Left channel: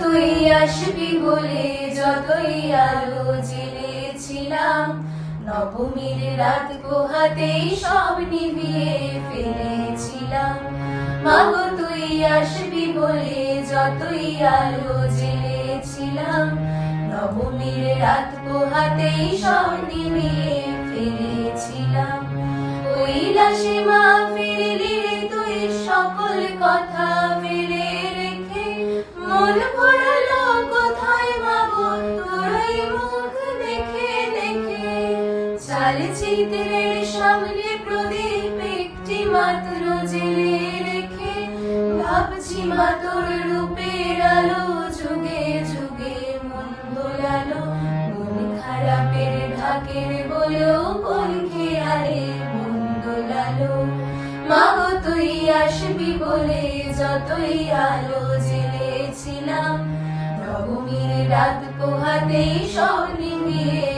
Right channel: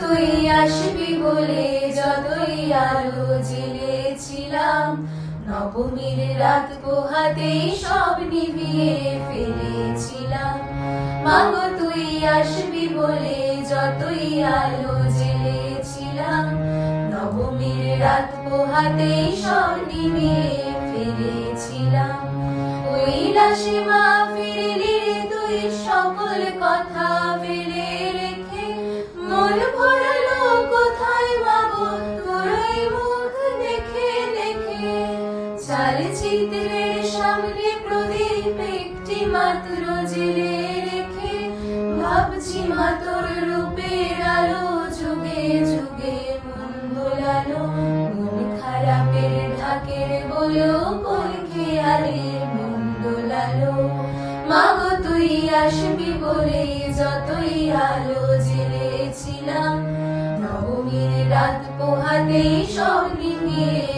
তুই আসবি বলে, যতই আলো জেলেছিলাম নবমীর রাত পোহাতেই সব নিবিয়ে ফেলেছিলাম। মাগো, তুই আসবি বলে, যতই আলো জেলেছিলাম নবমীর রাত পোহাতেই সব নিবিয়ে ফেলেছিলাম। ওই রাশে মা ফিরলি তুই সকল কথা। চার চিত্রের সামনে প্রদীপ একটি মাত্র জেলে রেখে ভাবছি মা তোর রূপের আলো যুগে যুগে মন দোলালো মন খারাপের ঢাকের বলো কোন খেয়ালে মন দোলালো মাগো, তুই আসবি বলে যতই আলো জেলেছিলাম নবমীর রাত পোহাতেই সব নিভিয়ে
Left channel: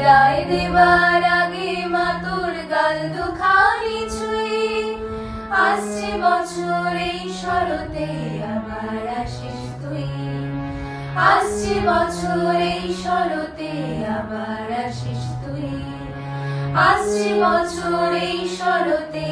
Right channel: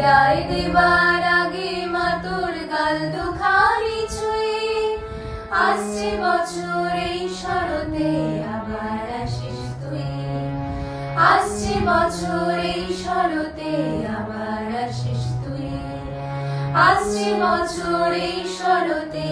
বিদায় দেবার আগে মা তোর গাল দুখানি ছুঁয়ে। আসছে বছর এই শরতে আবার আসিস তুই। আসছে বছর এই শরতে আবার আসিস তুই। আসছে বছর এই শরতে